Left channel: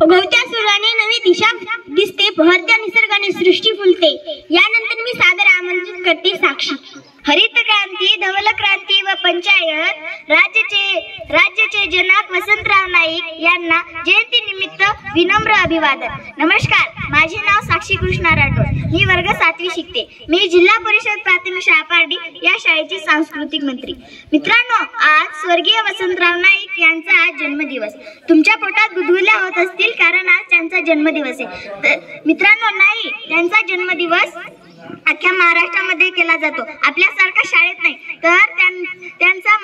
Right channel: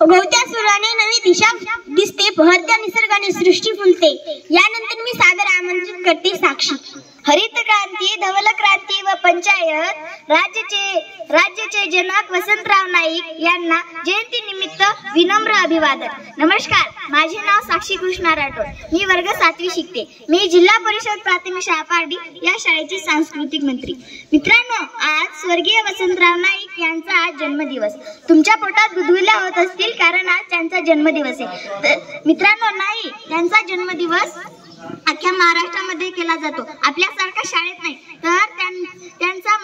उगवत्या सूर्याने नवी दिशा दिसते, बहरत्या निसर्गाने सृष्टी फुलते. यानंतर मी सादर आमंत्रित करते साक्षी. हरित क्रांती, धवल क्रांती व पंचायत राज्याचे जनक वसंतराव नाईक यांना जयंती निमित्त विनम्र अभिवादन. नमस्कार, माझे नाव साक्षी कृष्णा राठोड. मी वर्ग 7वी शिकते. मी जिल्हा परिषद प्राथमिक शाळा पारडी या शाळेची सांस्कृतिक मंत्री. मित्रांनो, आज स्वर्गीय वसंतराव नाईक यांचा आज जन्मदिवस. तुमच्या पोटात गुदगुल्या होत असतील, कारण आज त्यांचा जन्मदिवस आहे. मित्रांनो, नाईक यांचा जन्मदिवस अख्ख्या महाराष्ट्रामध्ये केला जातो. आपल्यासारखा शाळेत नाही, तर त्यांचा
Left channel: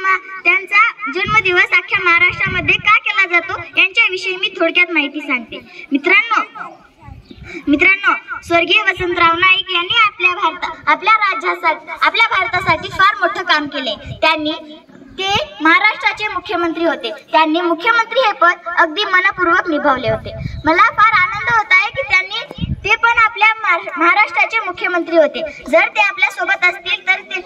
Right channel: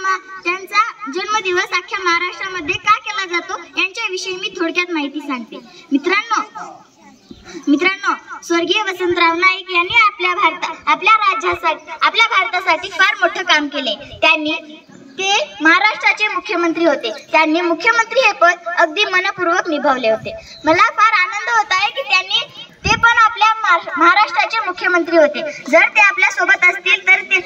जन्मदिवस अख्ख्या महाराष्ट्रामध्ये का केला जातो यांच्याविषयी मी थोडक्यात माहिती सांगते. मित्रांनो, स्वर्गीय वसंतराव नाईक यांनी आपल्या भारतासाठी फार मोठं काम केले. ते महाराष्ट्राचे मुख्यमंत्री होते. त्यांनी मुख्यमंत्री हे पद अगदी मनपूर्वक निभावले होते. मला फार आनंद होत आहे की ते पण आपल्या महाराष्ट्राचे मुख्यमंत्री होते. जर ते आपल्या सोबत असतील तर ते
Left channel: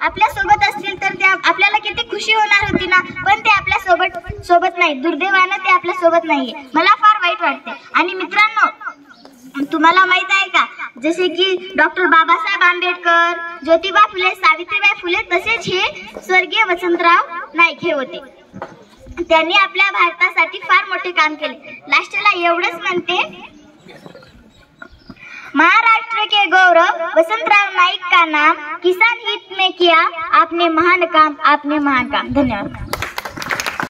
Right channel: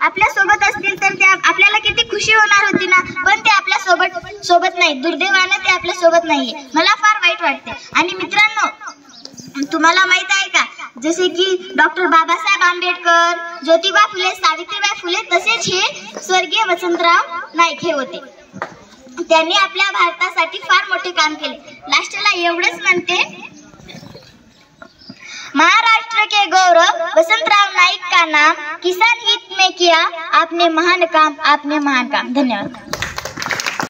आपल्या सोबत असतील तर आपल्याला किती खुशी होणार होती ना. पण ते आपल्या सोबत नाही. दुर्दैवाने ते आपल्या सोबत नाहीये. मला फार वाईट वाटते. आणि मित्रांनो, तुम्हाला माहित आहे का, जसे की डॉक्टर बाबासाहेब आंबेडकर, ज्योतिबा फुले, सावित्रीबाई फुले, तसेच हे स्वर्गीय वसंतराव नाईक हे होते. त्यांनी आपल्या भारतासाठी फार मोठे काम केले. लास्टला एवढंच म्हणते, महाराष्ट्र के गौरव वसंतराव नाईक का नाम, किसान हित में किया आपने महान काम. धन्यवाद.